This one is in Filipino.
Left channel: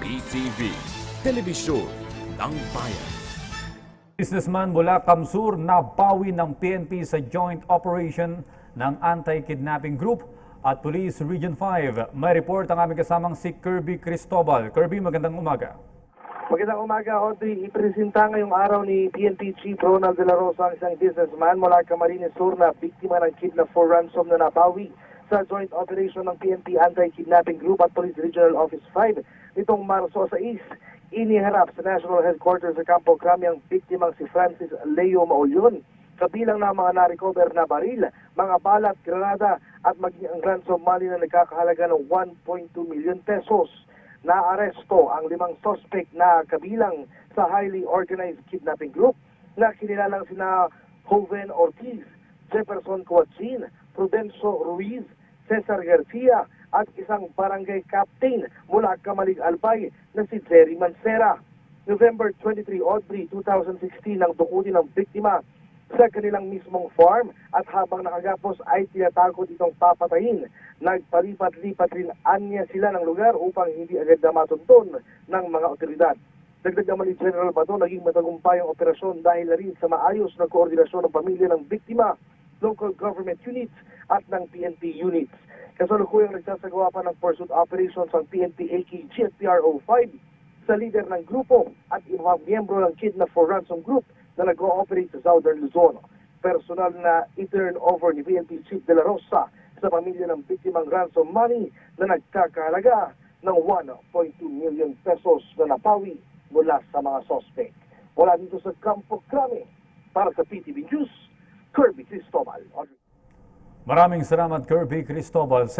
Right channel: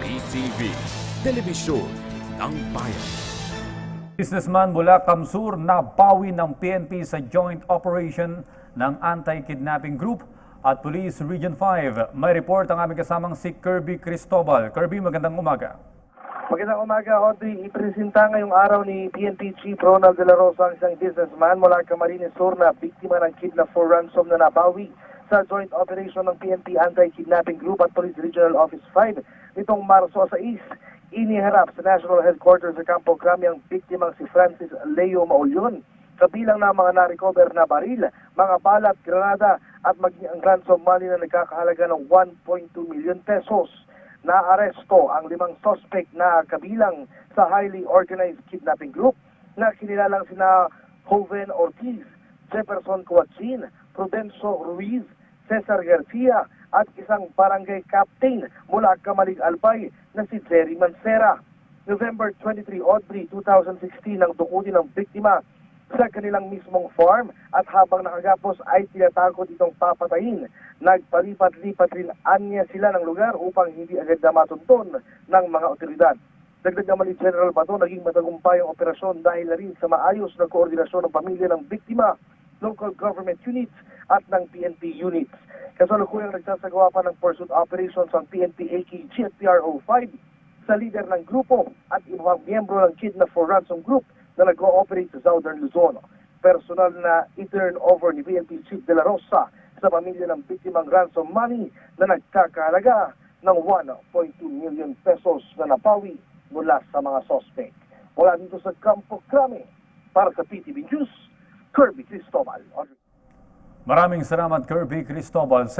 PTV, Telebisyon ng Bayan. Businessman mula Kamsur nabawi ng PNP sa joint operation ng Anti-Kidnapping Group at Police Region 5. May report ang aming kasamang si Kirby Cristobal. Kirby, magandang umaga. Magandang umaga, Audrey. Ipresenta ngayong araw ni PNP Chief Ronald De La Rosa ang isang businessman mula Camarines Sur na biktima ng kidnap for ransom na nabawi sa joint operation ng PNP Anti-Kidnapping Group at Police Regional Office 5 nitong Marso 6. Iniharap sa National Headquarters sa Campo Crame ang biktimang si Francis Leo Maulyon. Kabilang na mga na-recover na baril, mga balat, granada at maging ang ransom money na nagkakahalaga ng 1.2 million pesos. Naaresto ang 5 suspect na kabilang sa highly organized kidnapping group na kinilalang sina Joven Ortiz, Jefferson Coachin, Prudencio Ruiz, Cesar Garcia at isang barangay captain mula Kamalig Albay na si Jerry Mancera. November 23, Audrey, 2016 nang dukutin ng biktima sa kanilang mismong farm at habang nakagapos ay tinatakot itong papatayin. Nagpalipat-lipat rin anya sila ng lugar upang hindi agad na matuntun ng mga otoridad. Dagdag naman ni General Bato, naging matagumpay ang operasyon dahil na rin sa maayos na koordinasyon ng pamilya ng biktima, local government units at ng PNP units. Kasalukuyang nagsasagawa pa ng pursuit operations ang PNP AKG at PRO 5 sa leader ng grupo at ibang miyembro ng Kidnap for Ransom Group na nag-ooperate sa Southern Luzon. Personal na i-turn over ni PNP Chief De La Rosa sa pamilya ng biktimang ransom money na nagkakahalaga ng 1.2 million pesos na napawi mula sa mga suspect. Mula dito sa Campo Crame, para sa PTV News, Kirby Cristobal. Maraming salamat, Kirby Cristobal.